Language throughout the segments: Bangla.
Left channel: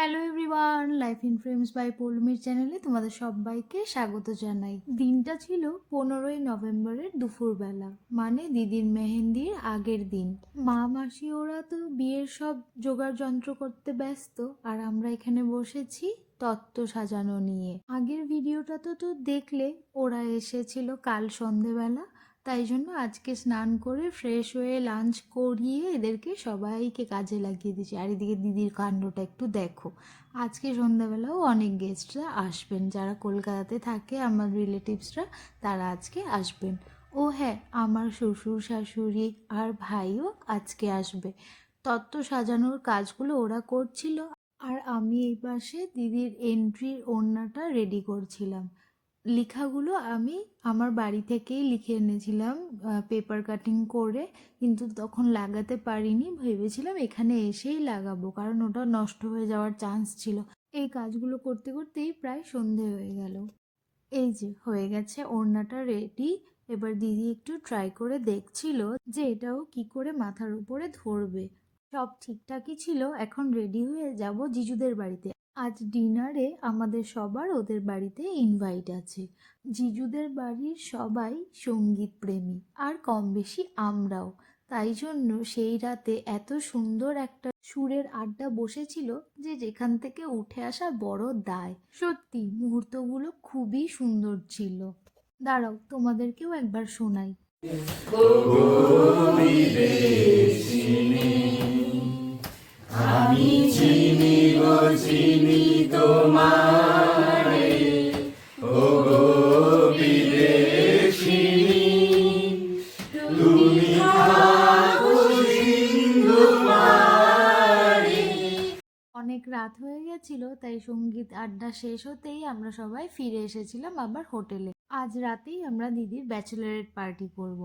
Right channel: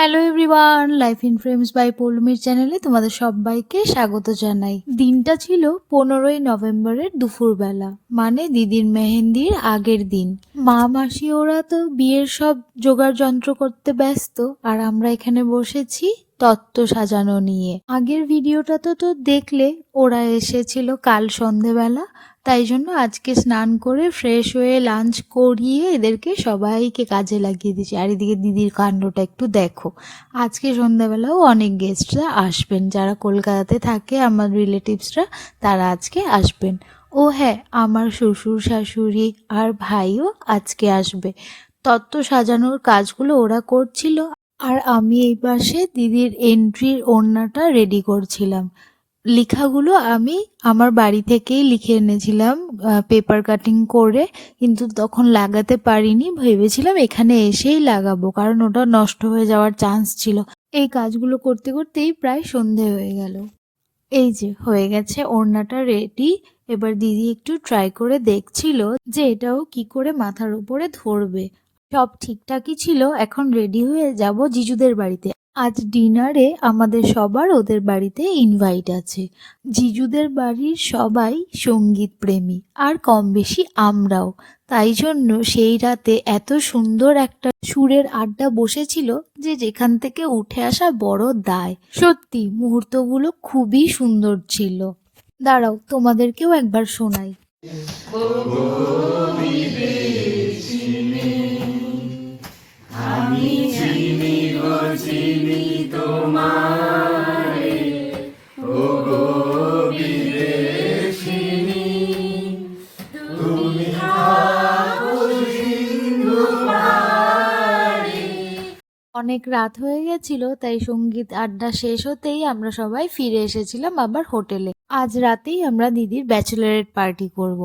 Hello everyone, life in frames by পৌলমীর চ্যানেলে তোমাদের সবাইকে স্বাগত জানাই। দিনটা ছিল 15ই নভেম্বরের দুপুরবেলা, মানে দিদির মেহেন্দির আগের দিন। মা মাসি ওরা তো বিয়ের সব জোগাড় যন্ত্র করতে ব্যস্ত, আর আমরা এখানে বসেছি তত্ত্ব সাজানো নিয়ে। আগের ভিডিওটা তো দেখলে, ওরা এসেছিল কাল সন্ধেবেলা, তাই জন্য আজকে স্নান করে ফ্রেশ হয়ে লাঞ্চ করিয়ে এদেরকে সবাইকে কাজে লাগিয়ে দিয়েছি। আর এদিকে দিদির কাণ্ডটা একটু দেখো। আজকে সন্ধ্যাবেলাও অনেক গেস্টরা আসবেন, যারা কলকাতাতে থাকে আমার রিলেটিভসরা, তারা আজকে আসবেন। ও হ্যাঁ, আমার শ্বশুর শাশুড়ি আর ভাইও আজকে আসবে। তত্ত্ব সাজানোর কাজগুলো ওরা করছিল, আর আমি এই পাশে দিদির এন্ট্রির ওড়নাটা রেডি করছিলাম। লেখাগুলো আমি আমার বাড়ি থেকেই লিখে এনেছিলাম পেপার কাটিং করে, কিন্তু তখন লাগাতে পারিনি। ভেবেছিলাম এখানে এসেই লাগাবো, কারণ ওটা নষ্ট হয়ে যাওয়ার চান্স ছিল। এই কাজগুলো করতে করতেই প্রায় সন্ধে হয়ে গেল। এই যে হয়ে গেছে ওড়নাটা রেডি। এবার দিদি একটু ট্রাই করে দেখছিল যে এটাও কি করে মাথার উপরে ধরবে। সব ঠিকঠাকই ছিল। এখন রেডি হয়ে যাব জিজুদের বাড়িতে। আজ ডিনারে আমাদের সবার ওদের বাড়িতে ইনভাইট আছে। জিজুদের বাড়ির সবাই সঙ্গীত প্রেমী, আর কম বেশি আমরাও। তাই জন্য সেই রাতে এত সুন্দর একটা সুরের আড্ডা বসেছিল যে যেখান থেকে উঠে আসা বড় দায়। সত্যি মুহূর্তগুলো খুবই সুন্দর ছিল। দাঁড়াও, তোমাদেরকেও একবার শোনাই। আমি চিনি গো চিনি তোমারে, ও গো বিদেশিনী, তুমি থাকো সিন্ধু পারে। অনেক রাত হয়ে গেছিল, তাই সঙ্গীত আড্ডা শেষ হতেই আমরা সবাই ফিরে এসেছিলাম আবার হোটেলে। আজ রাতেই আমরা দিদির ব্যাচেলারেট পার্টি করব।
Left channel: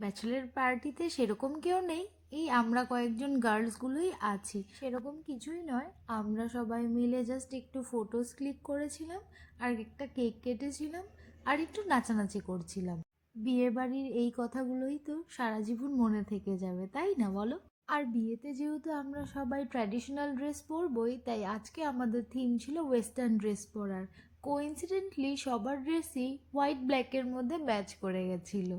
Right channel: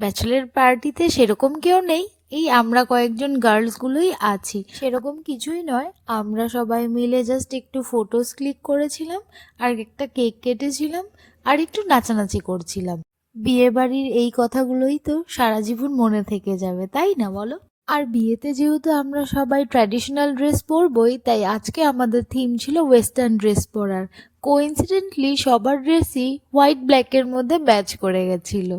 ব্যাচেলার পার্টিতে সেরকম কেউ নেই, এই আমরা কয়েকজন গার্লসগুলোই আছি। সেরকম কিছুই নয়, আমরা সবাই মিলে জাস্ট একটু ফটোস ক্লিক করেছিলাম, আর একটা কেক কেটেছিলাম, আর একটু নাচানাচি করছিলাম। বিয়েবাড়ির এই কথাগুলোই তো সারা জীবন মনে থেকে যাবে, তাই না বলো? আর বিয়েতে যেহেতু আমরা সবাই ট্র্যাডিশনাল ড্রেস পরবই, তাই আজকে আমাদের থিম ছিল ওয়েস্টার্ন ড্রেস পরার। কোইন্সিডেন্টলি সবার ড্রেসই হোয়াইট ব্ল্যাকের মধ্যে ম্যাচ করে গেছিল।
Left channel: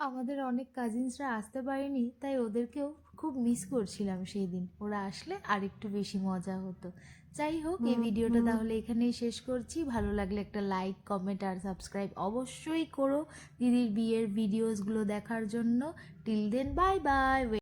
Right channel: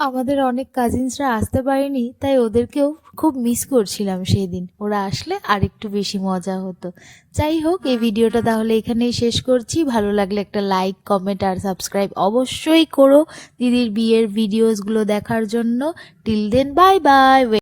আমাদের অনেক কাজিনসরা আসতে পারেনি, তাই ওদেরকেও খুব মিস করছিলাম সেই দিন। ওরা আসলে আর একটু বেশি মজা হতো। যাই হোক, এই ভিডিওটা তাহলে এখানেই শেষ করছি। ভালো লাগলে একটা লাইক, কমেন্ট আর সাবস্ক্রাইব অবশ্যই করো দিদির বিয়ের ভিডিওসগুলো দেখার জন্য। Till then, bye by.